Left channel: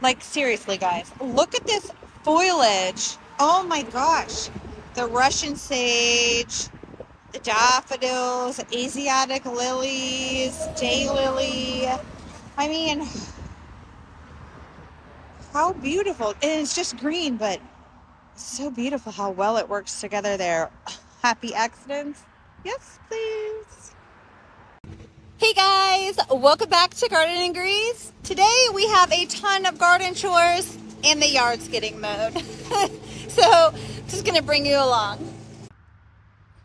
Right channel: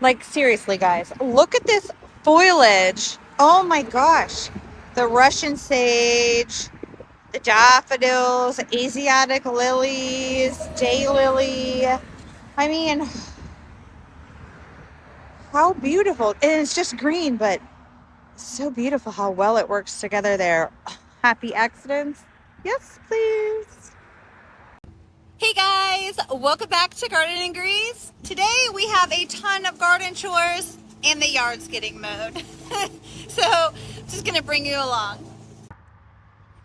Like, seriously, guys, look at this foliage. Oh my gosh. The Russian sage, the daffodils, Asiatic lilies, daylily. I mean, how beautiful. And it's just green, but so beautiful how well it works together there. Happy accidents? Yes, please. Hey guys, welcome back to Garden and Grease. Today we have a ton of garden chores and the yard's getting mowed. So just gonna bring you along.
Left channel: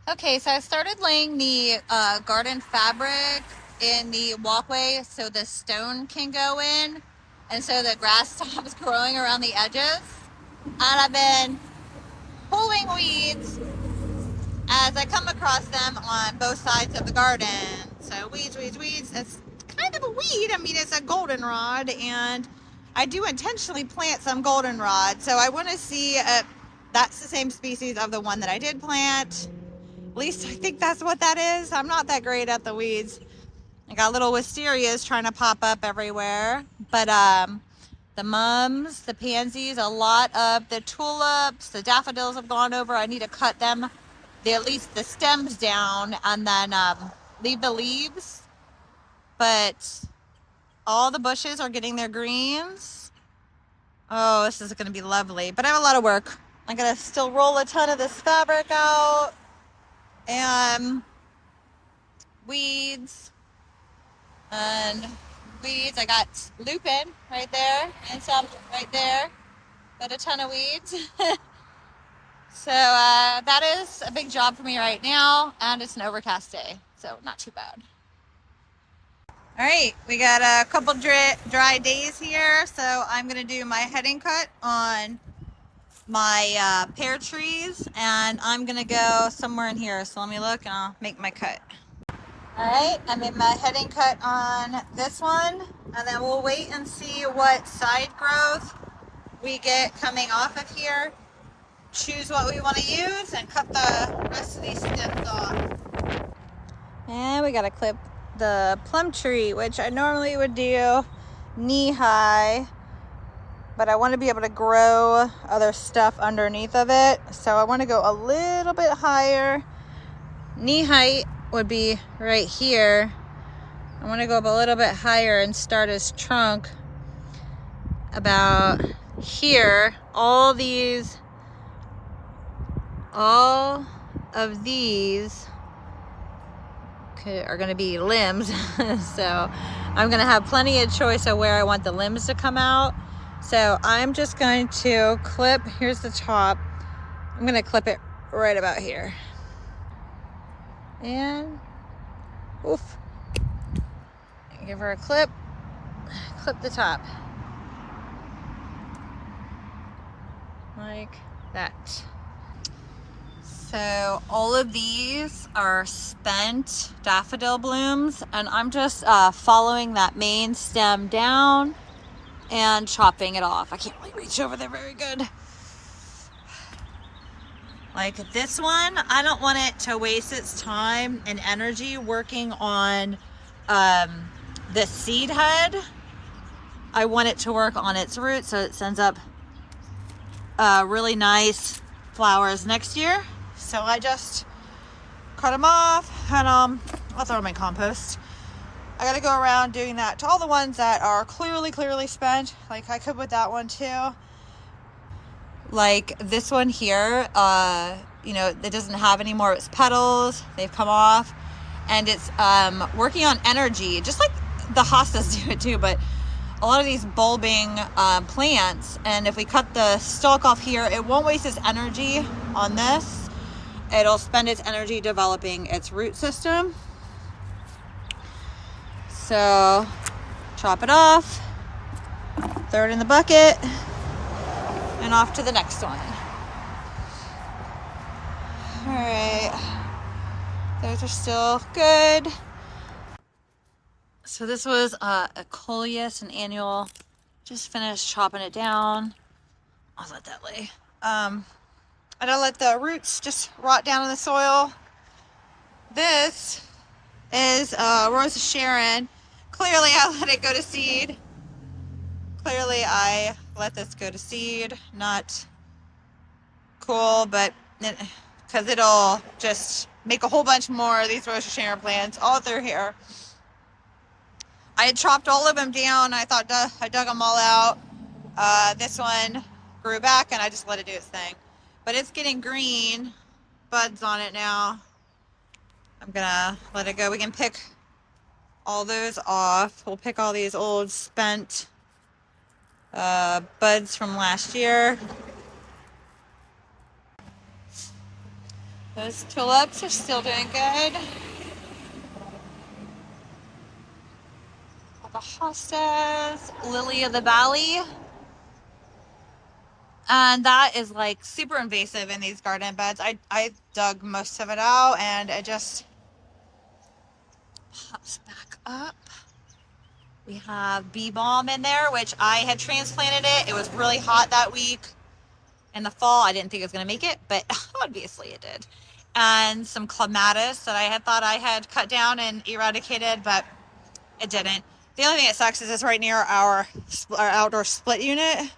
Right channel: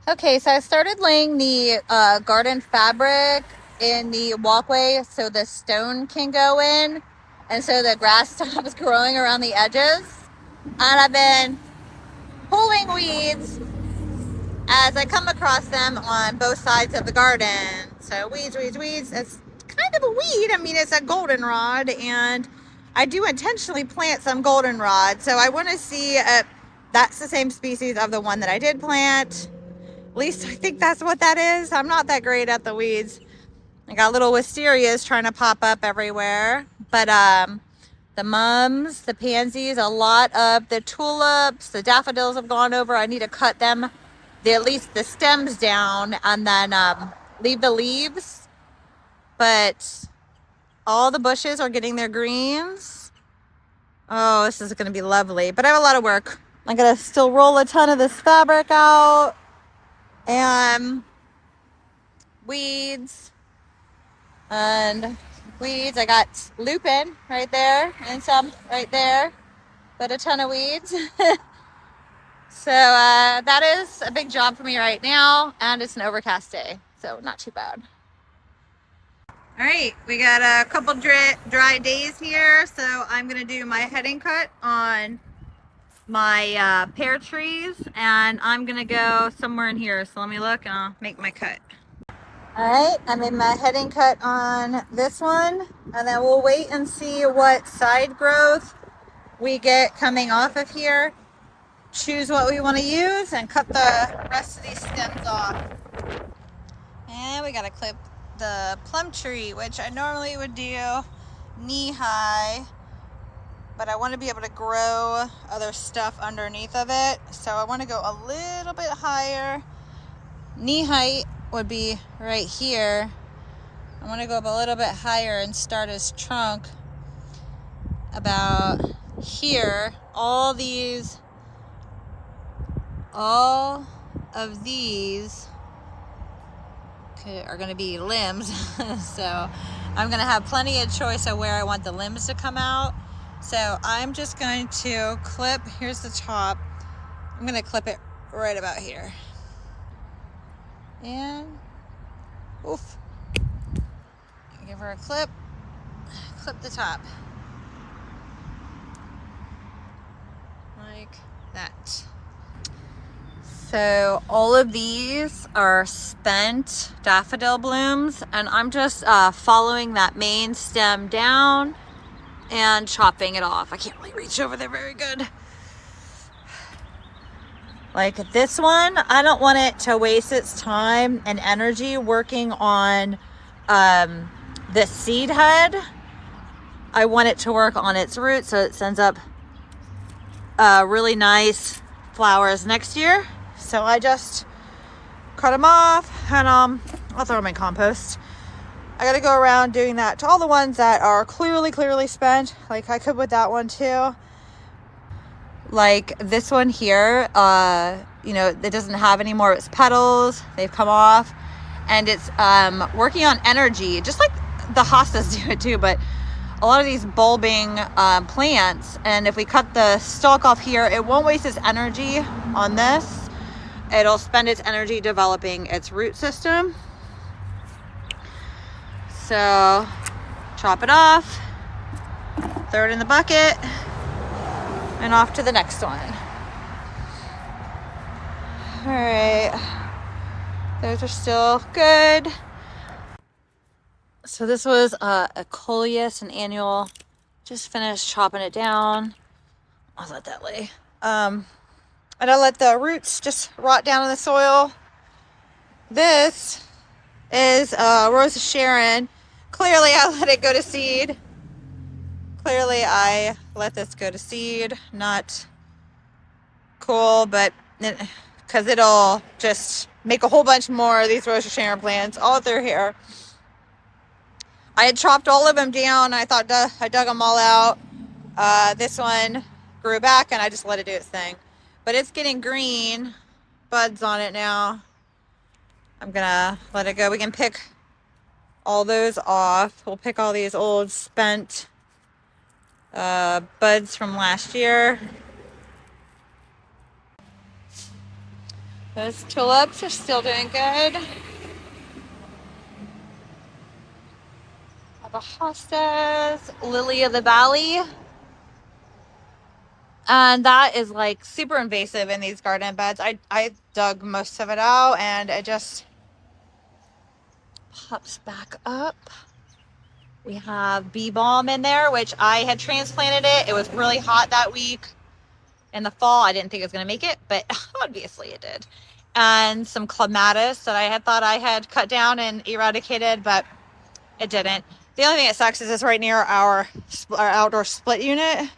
Okay, so I started laying the garden fabric in the walkway so the stone can go in and so the grass stops growing around the edges. And I've been pulling weeds as I come across them on both sides of the garden. So weeds, weeds, weeds. It's kind of a weed. I mean, it's a goldenrod, and I do intentionally plant some goldenrod. So I want to see if that's the same species of the one that I did plant. At least I think that's what that is. I'm not that great at the weeds. I got little wisterias trying to pop up everywhere. But the mums, the pansies, a lot of the tulips, the daffodils have gone over. I need to cut them, at least the stems down, and then leave the leaves. But all the bushes are getting their greens. Oh, this is going to be lovely. But I have a lot of work. I'm going to still roll a ton of this fabric out. And weeds. And weeds. I got lupin right there and some right there. But a ton of weeds. So that is a big job for me right now, and it's an overcast day, so not too bad. All right, we got a couple dry days here, so I'm gonna do my heading cut on my pear trees, and I'm gonna go somewhere in here. So let me look, and I'll make my cut. All right, I made my heading cut on this one, and then we'll wait and see what side growth we get coming off of here. Choose what we want to use and cut the rest of these stems off. And we got to clip the plum tree, which I normally would do knee high, but I want to be able to grow other stuff underneath of it. So I want to go a little bit higher. Knee height would be right here. I want to go up a little bit higher and start his trunk about here. All of these are going to be limbs. So I'm going to have plenty of choice of where I want the limbs to come out. So I'm just going to clip, here's the top. I'm going to clip it right about here. And oof. Give her a clip the top. Like that. So all of these are spent daffodil blooms, and I'm just following that main stem down and chopping it off. I can't really reach over there very good. Like this one, I don't want it to waste its time and energy working on the seed head. I want it to work on its roots so it sends up really nice flowers next year. So I just cut them off, and I'll throw them in compost. I gotta go around doing that to all the ones that are clearly spent. Like I could with that one too. Like this one here, you know, it doesn't have any more of its petals. They've come off, and it's working on energy, just like the hostas do it too, but a lot of these bulbing plants, and if we cut the stalk off here, it won't waste its energy on this. It'll spend its energy developing its root system. So chop it off, throw it in the bucket, and off to the next one. All right, those are still good. So this was a coleus, an annual. Just finished chopping it down. I'll let that lay. I don't let the roots just rot down in the soil. This is Rose of Sharon. Clearly I let it go to seed. Clearly I let this go to seed. Not cool, but because it'll just make a whole bunch more of these rhododendron plants all through here. I had chopped all of them down. I thought I dug them all out. This one grew back and I just let it do its thing. But it's getting green buds on it now. I'm gonna let it go. We can pick all those off. We'll pick all these old spent buds from last year. Those tulips are still doing good. The hostas, lily of the valley. And that is like super invasive in these garden beds. I dug most of it out and it just pops back up. We have bee balm in there, which I had transplanted it. It was really hot that week in the fall. I didn't think it was going to make it, but obviously it did. And some clematis that I had thought I had cut down and eradicated, but it didn't. The only thing that sucks is it's right near our outdoor split unit.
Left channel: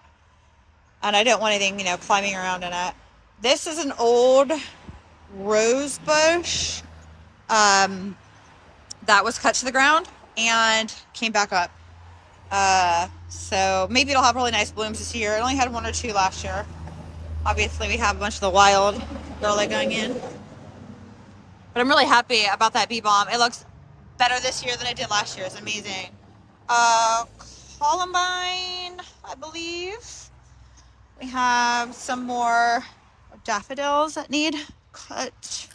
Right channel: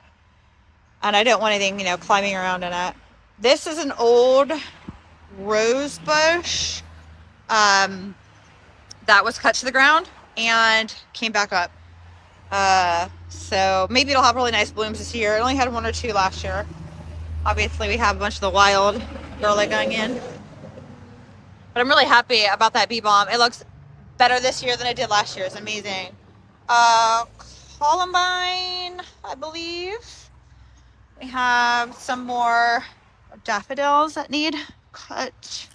And I don't want anything, you know, climbing around in it. This is an old rose bush that was cut to the ground and came back up. So maybe it'll have really nice blooms this year. It only had 1 or 2 last year. Obviously, we have a bunch of the wild garlic going in. But I'm really happy about that bee balm. It looks better this year than it did last year. It's amazing. Columbine, I believe. We have some more daffodils that need cut.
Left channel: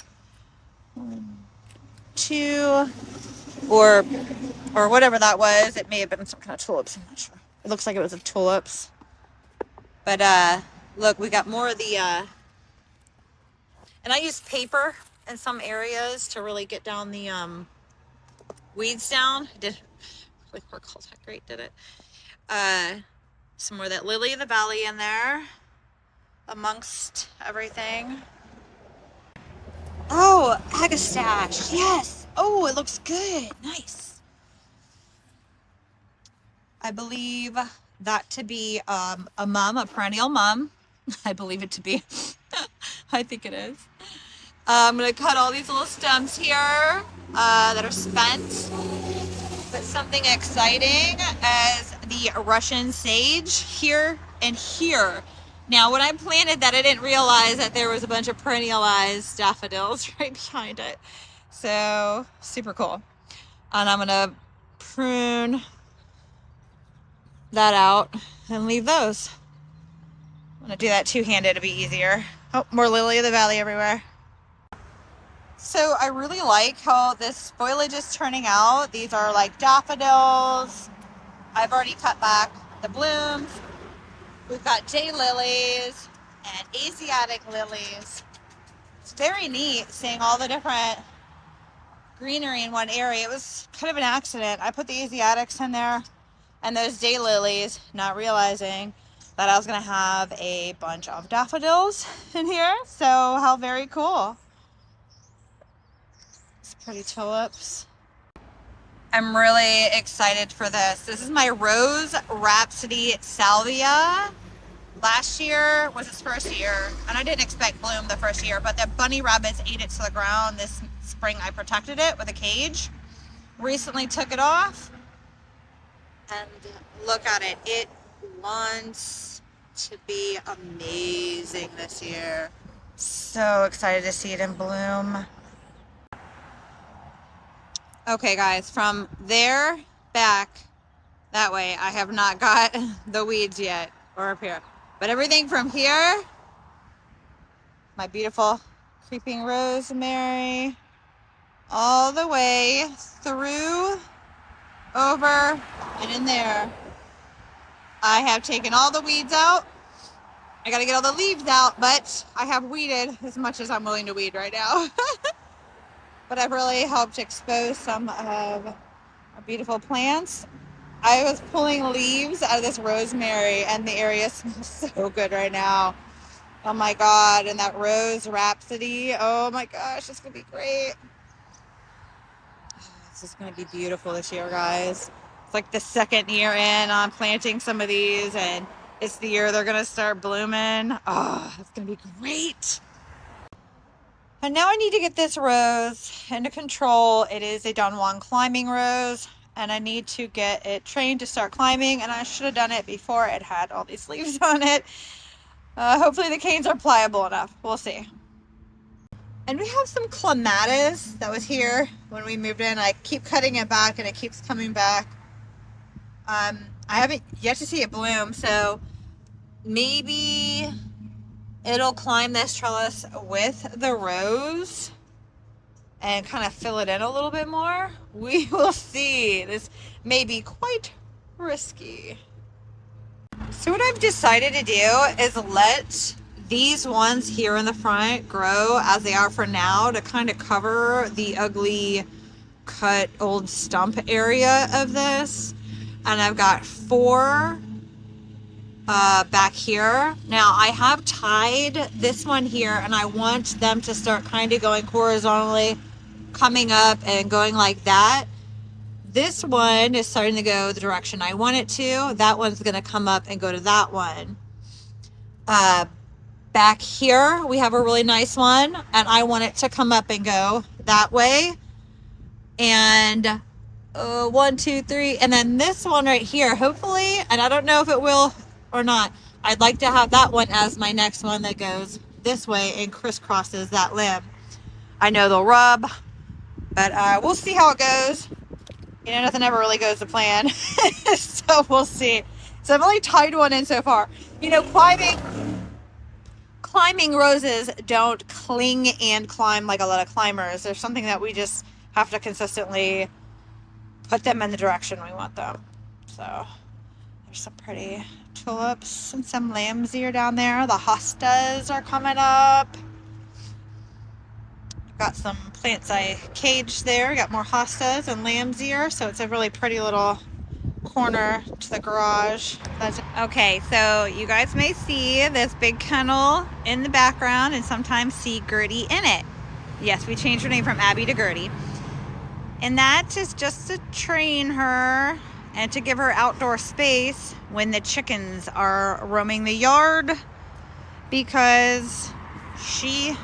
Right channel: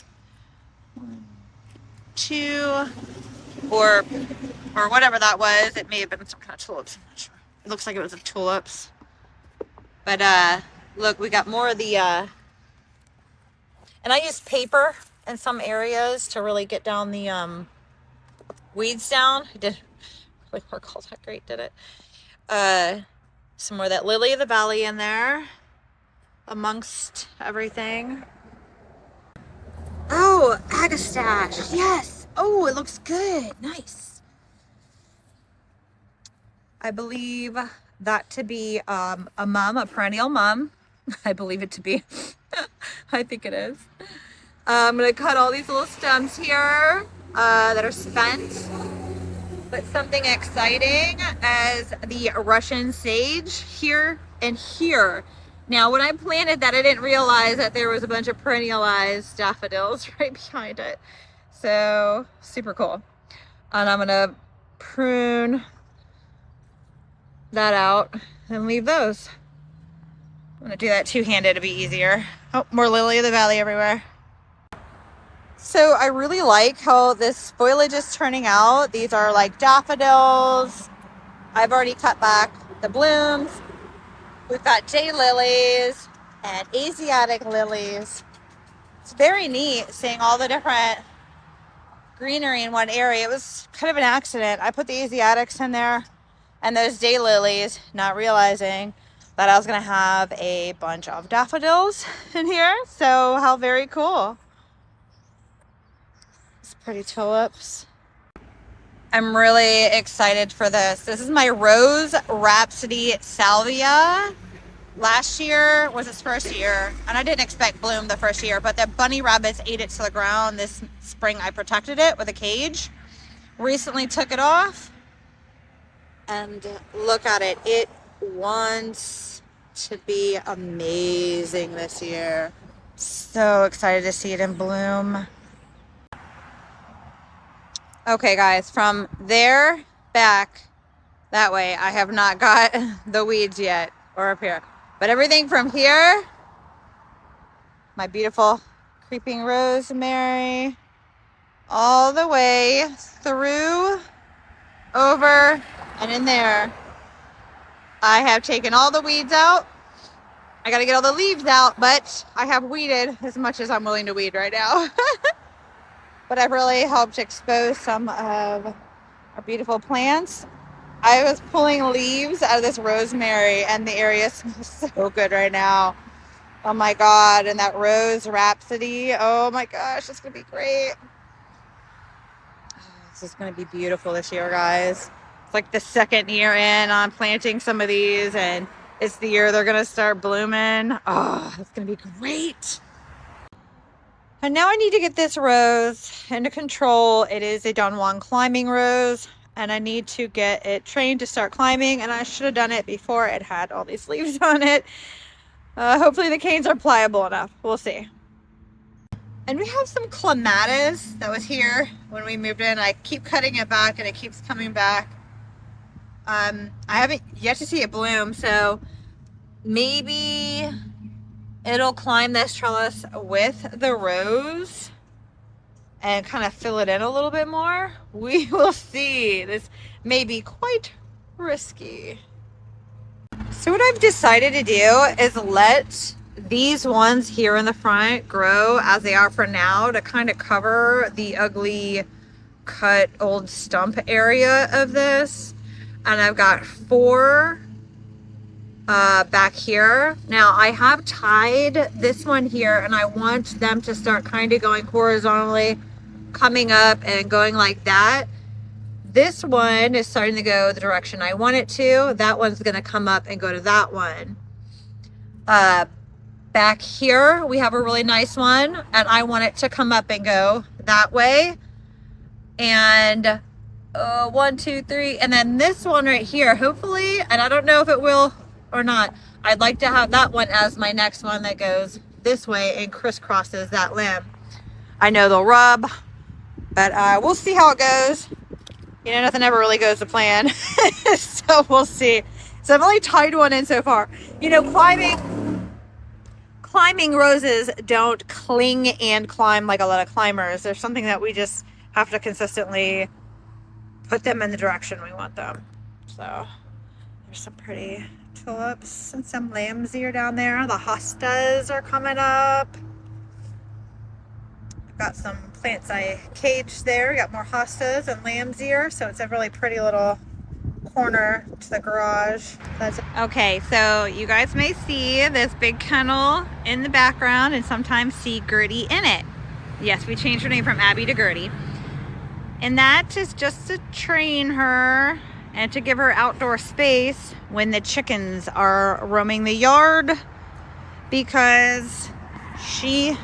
1, 2, or whatever that was. It may have been some kind of tulips. I'm not sure. It looks like it was a tulips. But look, we got more of the and I used paper in some areas to really get down the weeds down. It didn't really work all that great, did it? Some more of that lily of the valley in there amongst everything. Oh, agastache, yes. Oh, it looks good, nice. I believe that to be a perennial mum. I believe it to be. I think it is. I'm gonna cut all these little stems here that are spent. But something exciting as the Russian sage here and here. Now, when I planted that, I didn't realize that there was a bunch of perennialized daffodils right behind it. So, super cool. And I'm gonna prune that out and leave those. I'm gonna do that two-handed to be easier. Oh, more lily of the valley everywhere. So I really like how this foliage is turning out. These are like daffodils. I've already cut back the blooms. We've got daylilies and Asiatic lilies. It's very neat seeing all the different greenery in one area. It was kind of an accident. I put the Asiatics in there and those daylilies, not realizing that I was gonna have a bunch of daffodils in here. So how very cool. Pretty tulips. I'm really excited for this. This is my Rose Rhapsody Salvia. Last year was its first year, and I didn't expect bloom the first year, but the bunny rabbits ate it to the ground. This spring I protected it with a cage. Recently took it off, and look at it. It wants to be amazing this year. So excited to see it in bloom. Okay guys, from there back that way, I have not got the weeds yet, or up here. But everything from here, my beautiful creeping rosemary, all the way through, over, and in there, I have taken all the weeds out. I gotta get all the leaves out, but I have weeded as much as I'm willing to weed right now. But I've really helped expose some of our beautiful plants. I was pulling leaves out of this rosemary and the area smells so good right now. Oh my God, and that Rose Rhapsody. Oh my gosh, it's gonna be great. This is gonna be beautiful this year, guys. It's like the second year in on planting some of these, and it's the year they're gonna start blooming. Oh, it's gonna be great. And now I need to get this rose under control. It is a Don Juan climbing rose, and I need to get it trained to start climbing, and I should have done it before it had all these leaves on it. Hopefully the canes are pliable enough. We'll see. And we have some clematis that was here when we moved in. I keep cutting it back and it keeps coming back. I haven't yet to see it bloom, so maybe it'll climb this trellis with the rose and kind of fill it in a little bit more. We will see. This may be quite risky. So what I've decided to do is let these ones here in the front grow as they are for now to kind of cover the ugly cut old stump area of this. And I've got 4 back here. Now I have tied this one here, and I want them to start kind of going horizontally, coming up and going like that. This one is starting to go the direction I want it to. That one's going to come up and go to that one. Back here we have a really nice one, and I want it to come up and go that way. And 1, 2, 3, and then this one right here, hopefully, and I don't know if it will or not, I'd like to have that one as my next one that goes this way and crisscrosses that limb. I know they'll rub, but we'll see how it goes. You know, nothing ever really goes to plan. So we'll see. So I've only tied one in so far. You know, climbing roses don't cling and climb like a lot of climbers. There's something that we just have to consistently put them in the direction we want them. So there's some pretty tulips and some lamb's ear down there. The hostas are coming up. Got some plants I caged there. Got more hostas and lamb's ear. So it's a really pretty little corner to the garage. Okay, so you guys may see this big kennel in the background and sometimes see Gertie in it. Yes, we changed her name from Abby to Gertie. And that is just to train her and to give her outdoor space when the chickens are roaming the yard, because she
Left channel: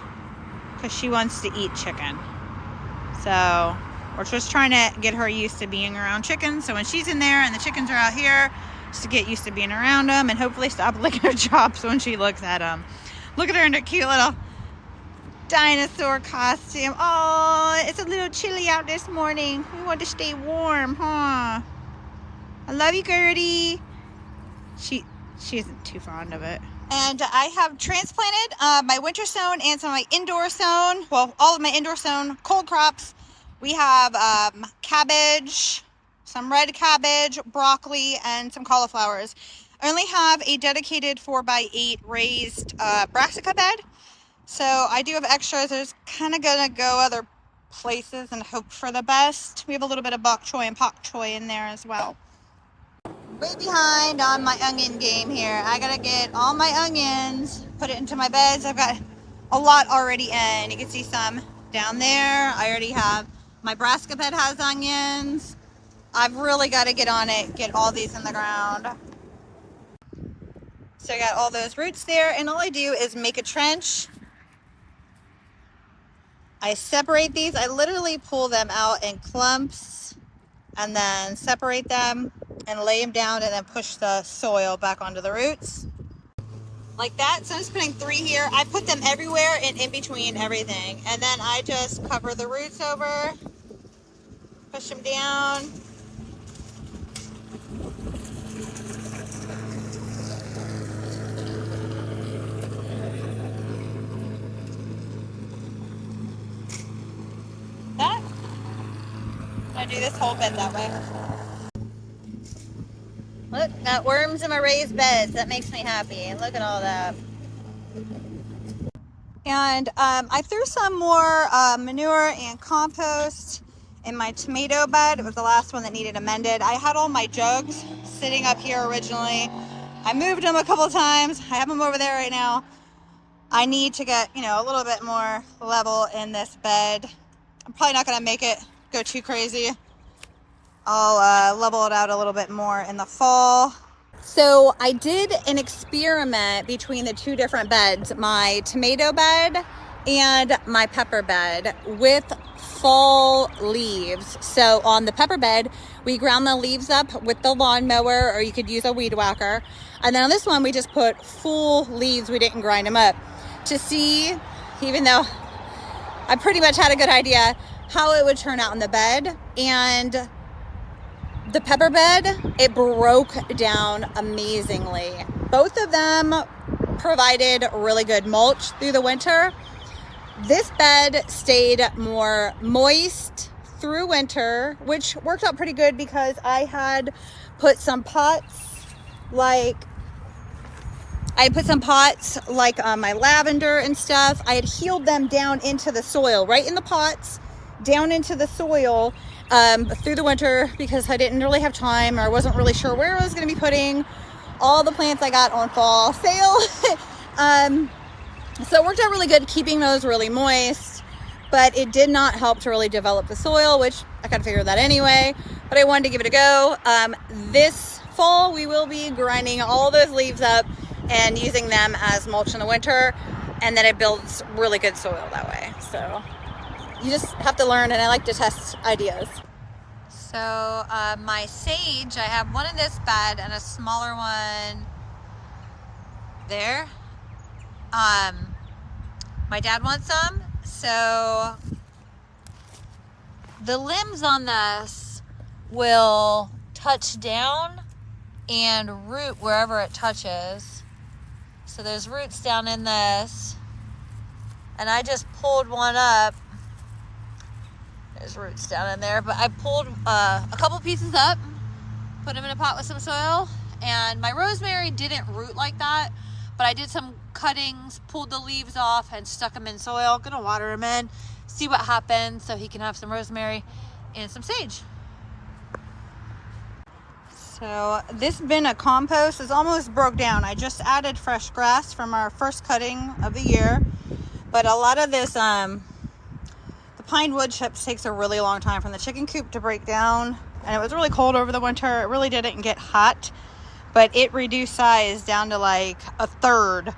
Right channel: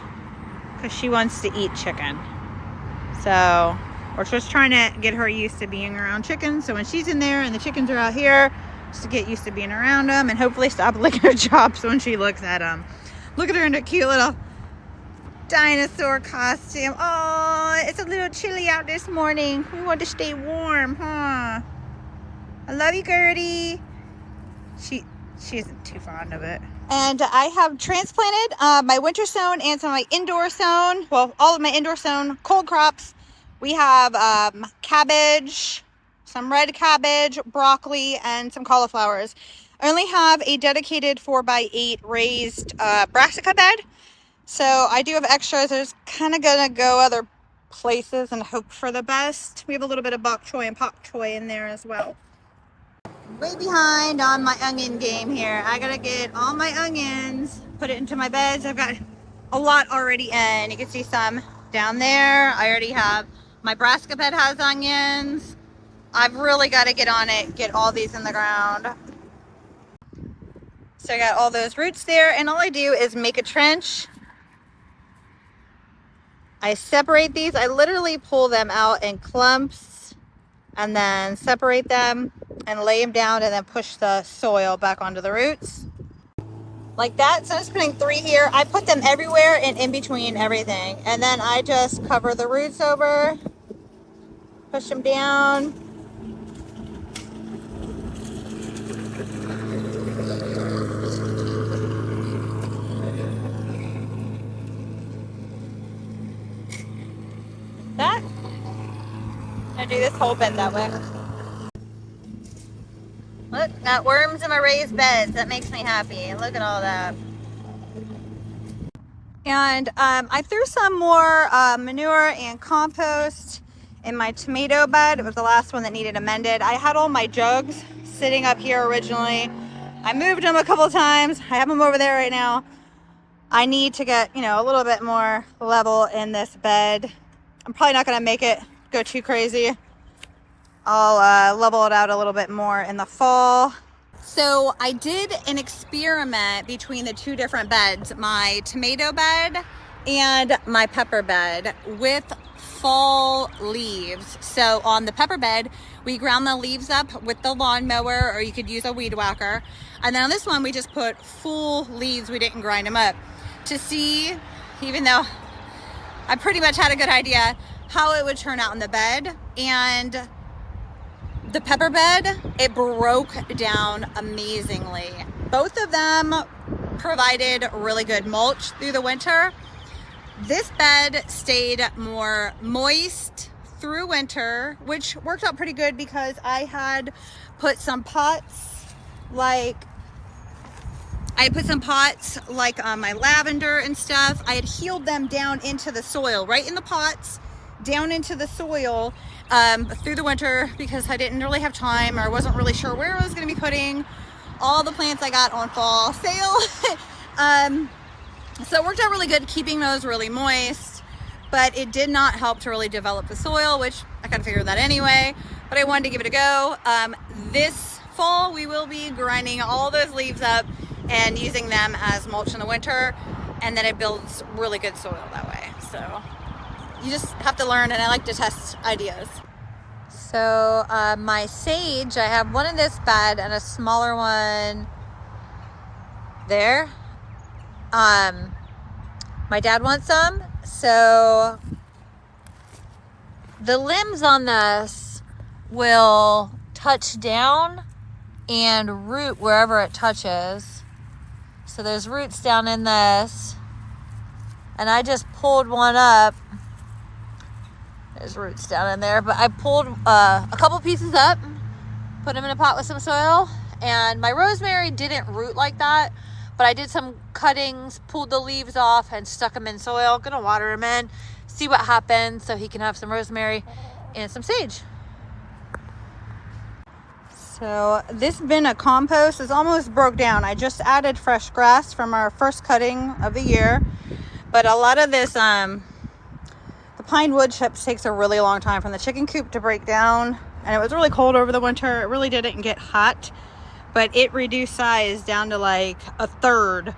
wants to eat chicken. So we're just trying to get her used to being around chickens. So when she's in there and the chickens are out here, just to get used to being around them and hopefully stop licking her chops when she looks at them. Look at her in a cute little dinosaur costume. Oh, it's a little chilly out this morning. We want to stay warm, huh? I love you, Gertie. She isn't too fond of it. And I have transplanted my winter sown and some of my indoor sown, well, all of my indoor sown cold crops. We have cabbage, some red cabbage, broccoli, and some cauliflowers. I only have a dedicated 4x8 raised brassica bed. So I do have extras. I was kind of going to go other places and hope for the best. We have a little bit of bok choy and pak choy in there as well. Way behind on my onion game here. I got to get all my onions, put it into my beds. I've got a lot already in. You can see some down there. I already have, my brassica bed has onions. I've really got to get on it, get all these in the ground. So I got all those roots there, and all I do is make a trench. I separate these. I literally pull them out in clumps and then separate them and lay them down and then push the soil back onto the roots. Like that. So I'm just putting 3 here. I put them everywhere and in between everything. And then I just cover the roots over, push them down. That. I do this whole bed that way. Look, got worms in my raised beds. That makes me happy. Look at all that. And I threw some more manure and compost in my tomato bed. It was the last one that needed amended. I had all my jugs sitting up here originally. I moved them a couple times. I have them over there right now. I need to get, a little bit more level in this bed. I'm probably not going to make it go too crazy. I'll level it out a little bit more in the fall. So I did an experiment between the two different beds, my tomato bed and my pepper bed, with fall leaves. So on the pepper bed, we ground the leaves up with the lawnmower, or you could use a weed whacker. And then on this one, we just put full leaves. We didn't grind them up to see, even though I pretty much had a good idea, how it would turn out in the bed. And the pepper bed, it broke down amazingly. Both of them provided really good mulch through the winter. This bed stayed more moist through winter, which worked out pretty good because I had put some pots like my lavender and stuff. I had healed them down into the soil, right in the pots, down into the soil through the winter, because I didn't really have time, or I wasn't really sure where I was going to be putting all the plants I got on fall sale. So it worked out really good keeping those really moist, but it did not help to really develop the soil, which I kind of figured that anyway, but I wanted to give it a go. This fall, we will be grinding all those leaves up and using them as mulch in the winter, and then it builds really good soil that way. So you just have to learn, and I like to test ideas. So my sage, I have one in this bed and a smaller one there. My dad wants some, so the limbs on this will touch down and root wherever it touches. So there's roots down in this, and I just pulled one up. There's roots down in there, but I pulled a couple pieces up, put them in a pot with some soil, and my rosemary didn't root like that, but I did some cuttings, pulled the leaves off, and stuck them in soil. Gonna water them in, see what happens, so he can have some rosemary and some sage. So this bin of compost is almost broke down. I just added fresh grass from our first cutting of the year, but a lot of this, the pine wood chips takes a really long time from the chicken coop to break down, and it was really cold over the winter. It really didn't get hot, but it reduced size down to like a third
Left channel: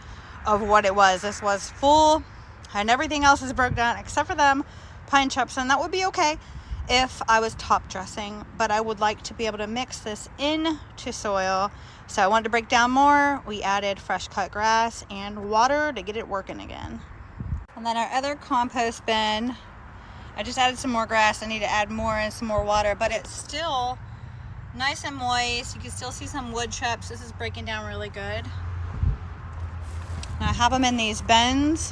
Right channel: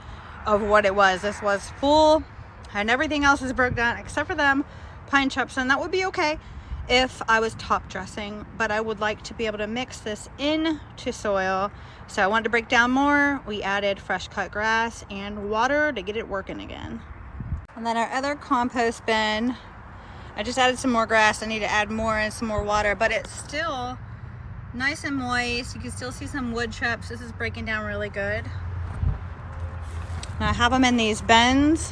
of what it was. This was full, and everything else is broke down except for them pine chips, and that would be okay if I was top dressing, but I would like to be able to mix this into soil. So I wanted to break down more. We added fresh cut grass and water to get it working again. And then our other compost bin, I just added some more grass. I need to add more and some more water, but it's still nice and moist. You can still see some wood chips. This is breaking down really good. And I have them in these bins.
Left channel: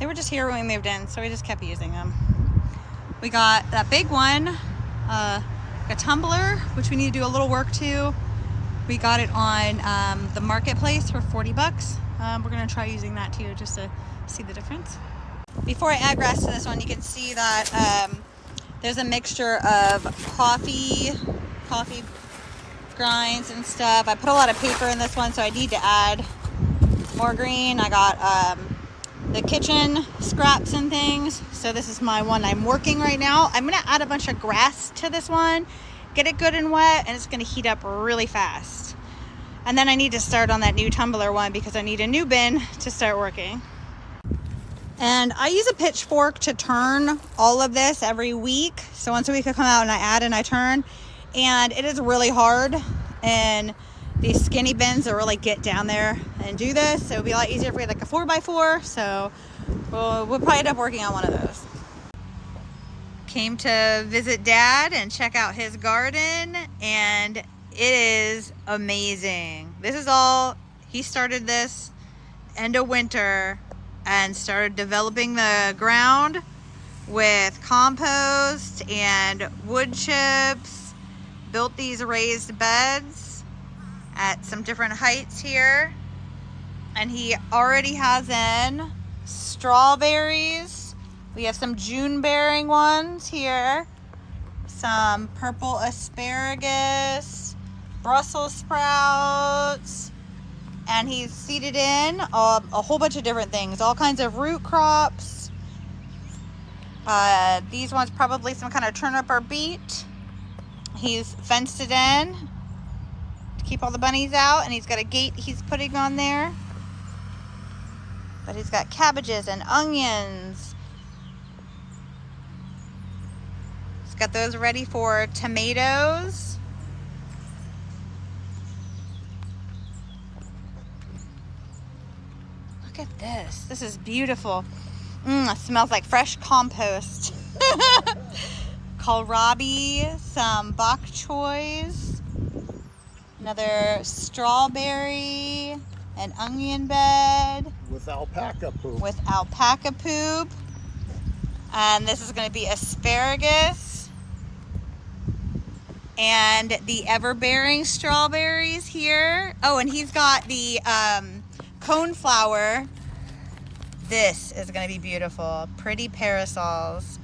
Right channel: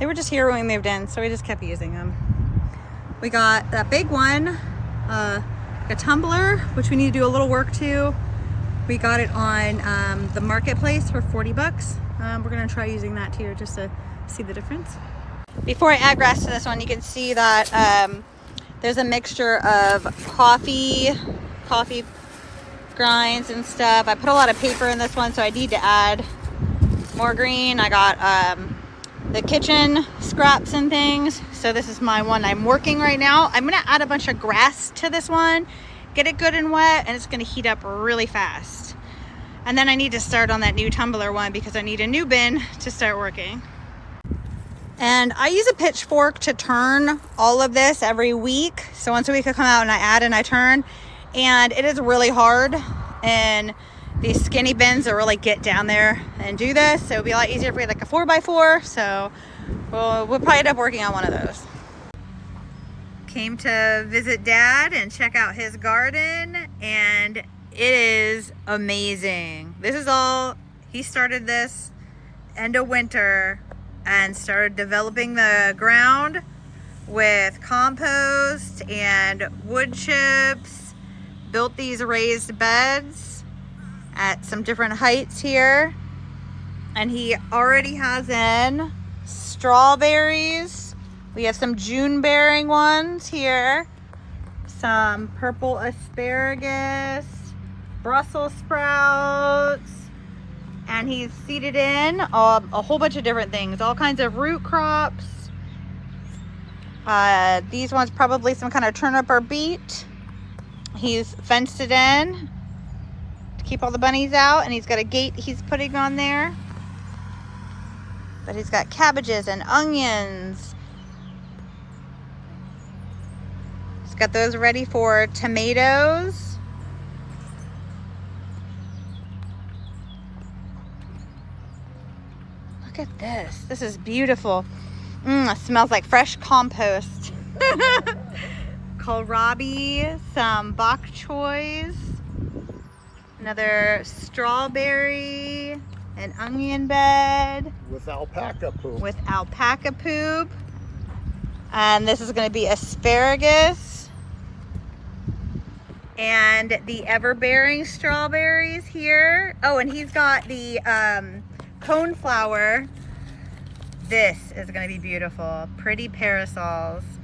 They were just here when we moved in, so we just kept using them. We got that big one, a tumbler, which we need to do a little work to. We got it on the marketplace for 40 bucks. We're gonna try using that too, just to see the difference. Before I add grass to this one, you can see that there's a mixture of coffee grinds and stuff. I put a lot of paper in this one, so I need to add more green. I got the kitchen scraps and things. So this is my one I'm working right now. I'm gonna add a bunch of grass to this one, get it good and wet, and it's gonna heat up really fast. And then I need to start on that new tumbler one because I need a new bin to start working. And I use a pitchfork to turn all of this every week. So once a week I come out and I add and I turn, and it is really hard. And these skinny bins that really get down there and do this. So it would be a lot easier if we had like a 4x4. So we'll probably end up working on one of those. Came to visit Dad and check out his garden, and it is amazing. This is all, he started this end of winter and started developing the ground with compost and wood chips, built these raised beds at some different heights here, and he already has in strawberries. We have some June bearing ones here, some purple asparagus, Brussels sprouts, and he's seeded in a whole bunch of different things, all kinds of root crops. These ones probably some kind of turnip or beet. He's fenced it in to keep all the bunnies out, and he's got a gate he's putting on there. But he's got cabbages and onions. He's got those ready for tomatoes. Look at this. This is beautiful. It smells like fresh compost. Kohlrabi, some bok choys, another strawberry, an onion bed. With alpaca poop. With alpaca poop. And this is going to be asparagus. And the ever-bearing strawberries here. Oh, and he's got the coneflower. This is going to be beautiful. Pretty parasols.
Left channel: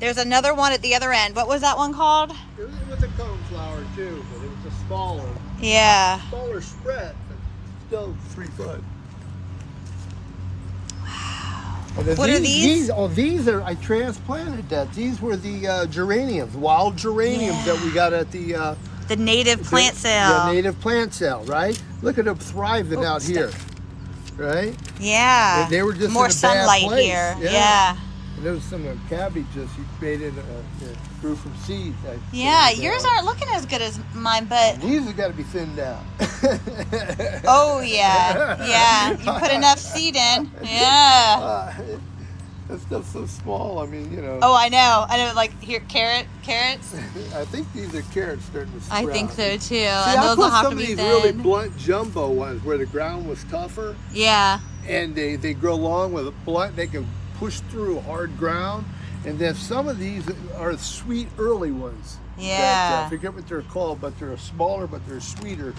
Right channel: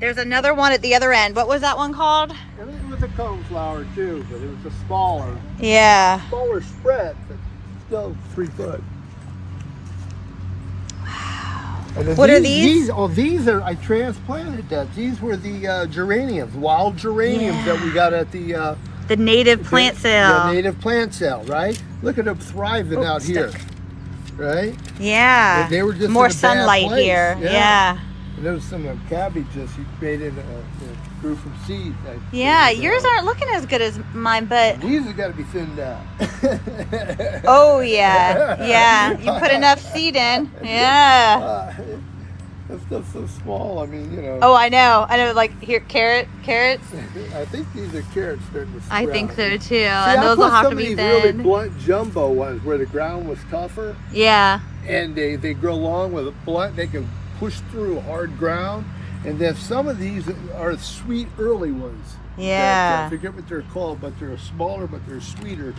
There's another one at the other end. What was that one called? I think it was a coneflower too, but it was a smaller. Yeah. Smaller spread, but still 3 foot. Wow. And What are these? These are, I transplanted that. These were the geraniums, wild geraniums that we got at the native plant sale. The native plant sale, right? Look at them thriving out here, right? Yeah. And they were just more in a sunlight bad place. here. Yeah. And there was some cabbages you created grew from seeds. Yeah, yours aren't looking as good as mine, but these have got to be thinned out. oh yeah, you put enough seed in. Yeah. That stuff's so small. I mean, you know. Oh, I know. Like here, carrots. I think these are carrots starting to sprout. I think so too. See, and I those put will have some to of be these thin. really blunt jumbo ones where the ground was tougher. Yeah. And they grow long with a blunt. They can push through hard ground. And then some of these are sweet early ones. Yeah. I forget what they're called, but they're smaller, but they're sweeter,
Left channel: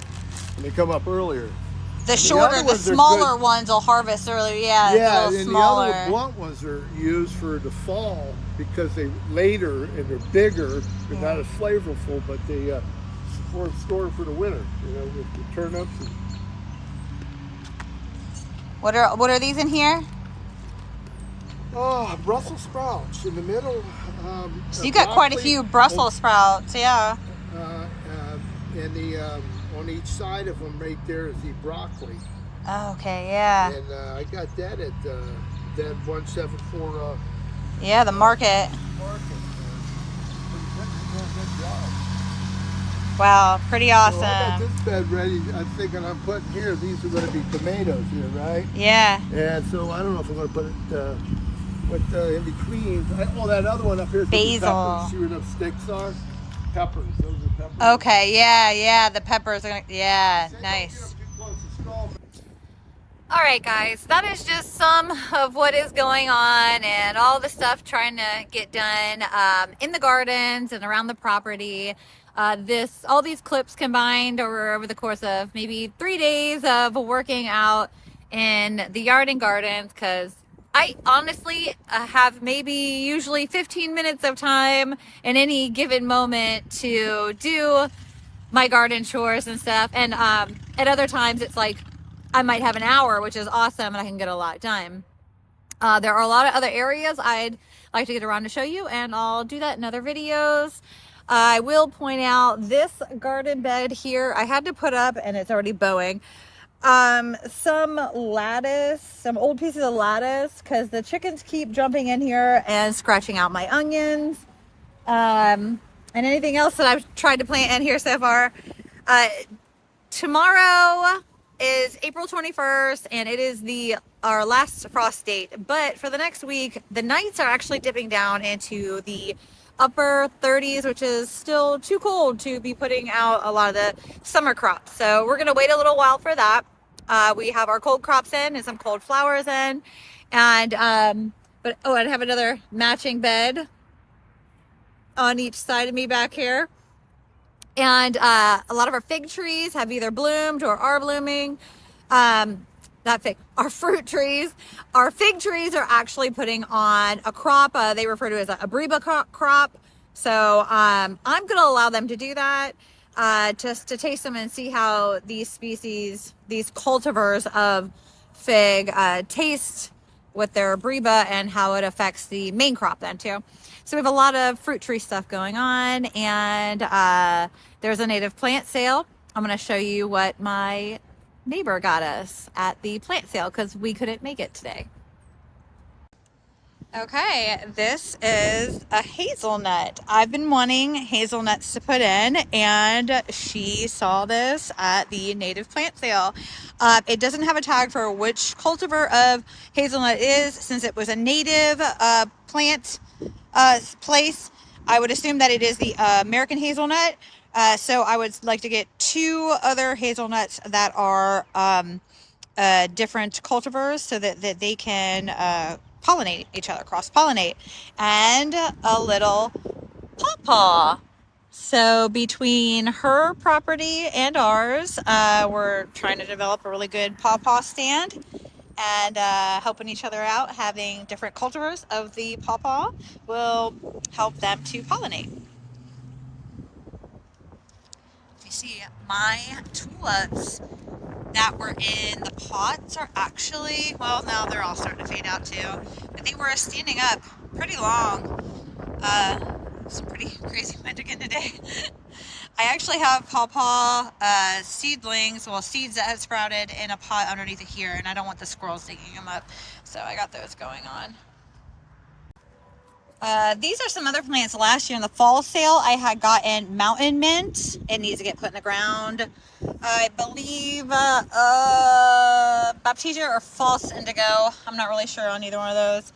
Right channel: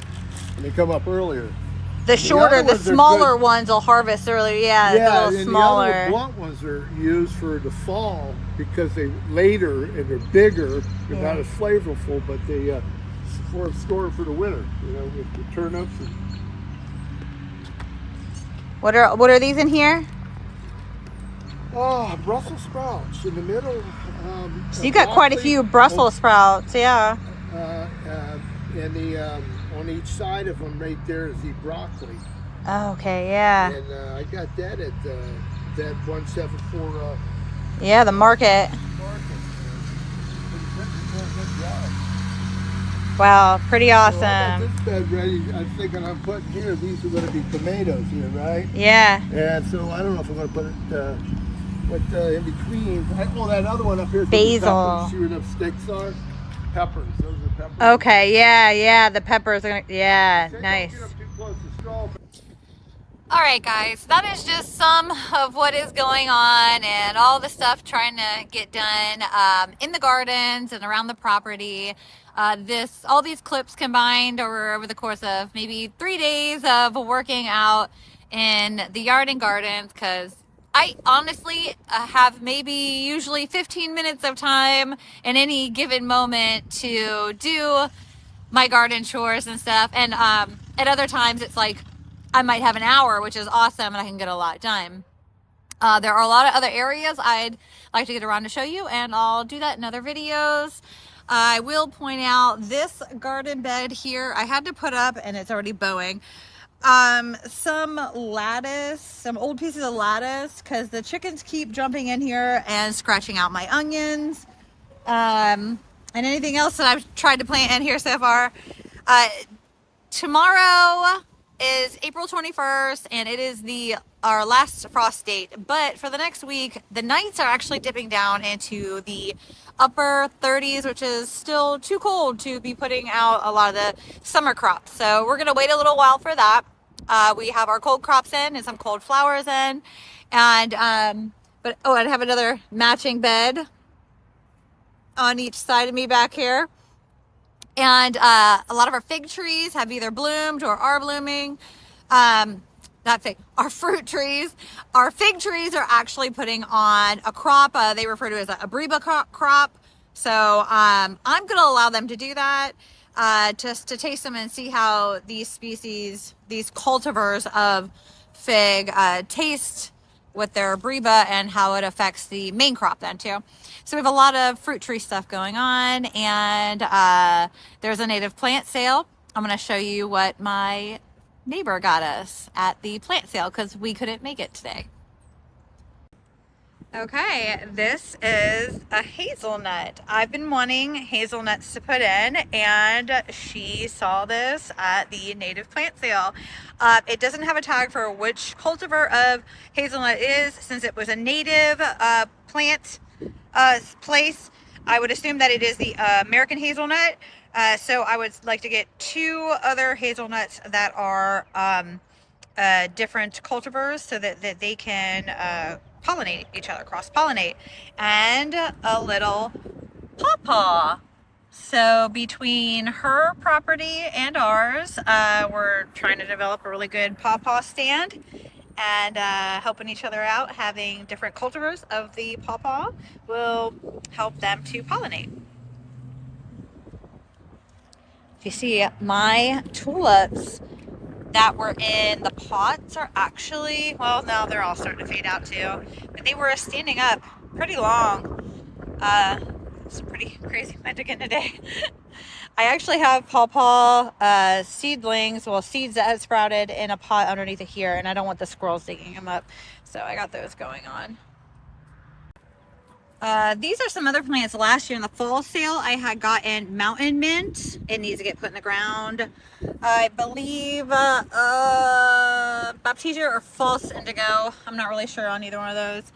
and they come up earlier. The shorter, the smaller ones will harvest earlier. Yeah, yeah, a little and smaller. the other blunt ones are used for the fall because they later and they're bigger. They're not as flavorful, but they store for the winter. You know, with the turnips. What are these in here? Oh, Brussels sprouts in the middle. So you got quite a few Brussels sprouts, yeah. And the on each side of them, right there, is the broccoli. Oh, okay, yeah. And I got that at that 174. Yeah, the market. Good job. Wow, pretty awesome. So I got this bed ready. I'm thinking I'm putting here. These are going to be tomatoes here, right? Yeah. And so I don't know if I'm going to put it. In between, that other one up here is basil. Peppers. See where the sticks are? Peppers. Those are peppers. Okay, yeah, the peppers are nice. All right, guys, that is just some of what is going on and all the stuff trying to get done in the gardens and around the property. All these clips combined over the course of maybe 3 days of working out in the yard and gardens, because I honestly have usually 15 minutes of time in any given moment to do my garden chores and stuff. And at other times it's like I might have an hour, which is awesome, and I can get a lot done. There are a lot of other areas I'd like to get around to show you, and I'll do that in other videos. I will point out this garden bed here I had to put up, and it's already bowing. Some lattice, some old pieces of lattice, because the chickens keep jumping in here and scratching out my our and anything else that I've tried to plant in here so far. Tomorrow is April 21st, and it is our last frost date. But for the next week, the nights are actually dipping down into the upper 30s, which is still too cold to be putting out a lot of the summer crops. So we're going to wait a little while for that. We have our cold crops in and some cold flowers in. And, I have another matching bed on each side of me back here. And a lot of our fig trees have either bloomed or are blooming. Our fruit trees. Our fig trees are actually putting on a crop they refer to as a Breba crop. So I'm going to allow them to do that just to taste them and see how these cultivars of fig taste with their breba and how it affects the main crop then too. So we have a lot of fruit tree stuff going on, and there's a native plant sale. I'm going to show you what my neighbor got us at the plant sale because we couldn't make it today. Okay, this is a hazelnut. I've been wanting hazelnuts to put in, and she saw this at the native plant sale. It doesn't have a tag for which cultivar of hazelnut it is, since it was a native plant place. I would assume that it is the American hazelnut. So I would like to get 2 other hazelnuts that are different cultivars so that they can pollinate each other, cross-pollinate, and a little pawpaw. So between her property and ours, we're trying to develop a really good pawpaw stand and helping each other out. Having different cultivars of the pawpaw will help them to pollinate. If you see, my tulips that were in the pots are actually, well, now they're all starting to fade out too, but they were standing up pretty long. Some pretty crazy wind again today. I actually have pawpaw seedlings, well, seeds that have sprouted in a pot underneath it here, and I don't want the squirrels digging them up, so I got those going on. These are some other plants. Last year in the fall sale, I had gotten mountain mint. It needs to get put in the ground. I believe baptisia or false indigo. I'm not really sure on either one of those.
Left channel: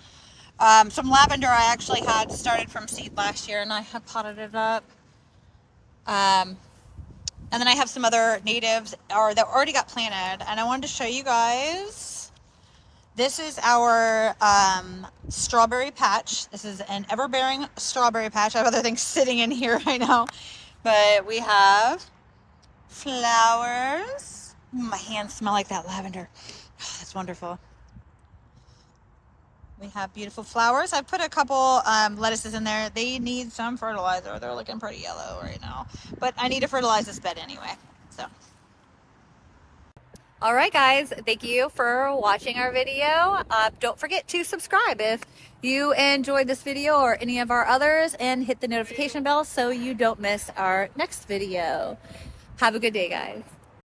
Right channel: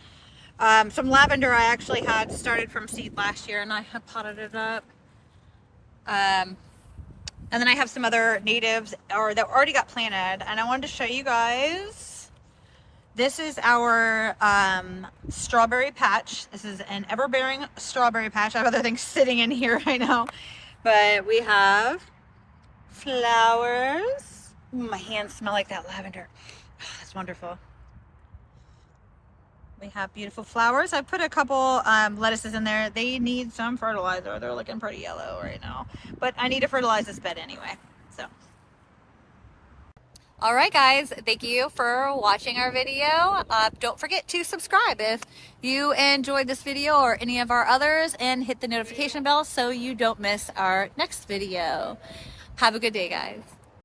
Some lavender I actually had started from seed last year, and I have potted it up. And then I have some other natives that already got planted, and I wanted to show you guys. This is our strawberry patch. This is an ever-bearing strawberry patch. I have other things sitting in here right now, but we have flowers. My hands smell like that lavender. Oh, that's wonderful. We have beautiful flowers. I put a couple lettuces in there. They need some fertilizer. They're looking pretty yellow right now, but I need to fertilize this bed anyway. So. All right, guys, thank you for watching our video. Don't forget to subscribe if you enjoyed this video or any of our others, and hit the notification bell so you don't miss our next video. Have a good day, guys.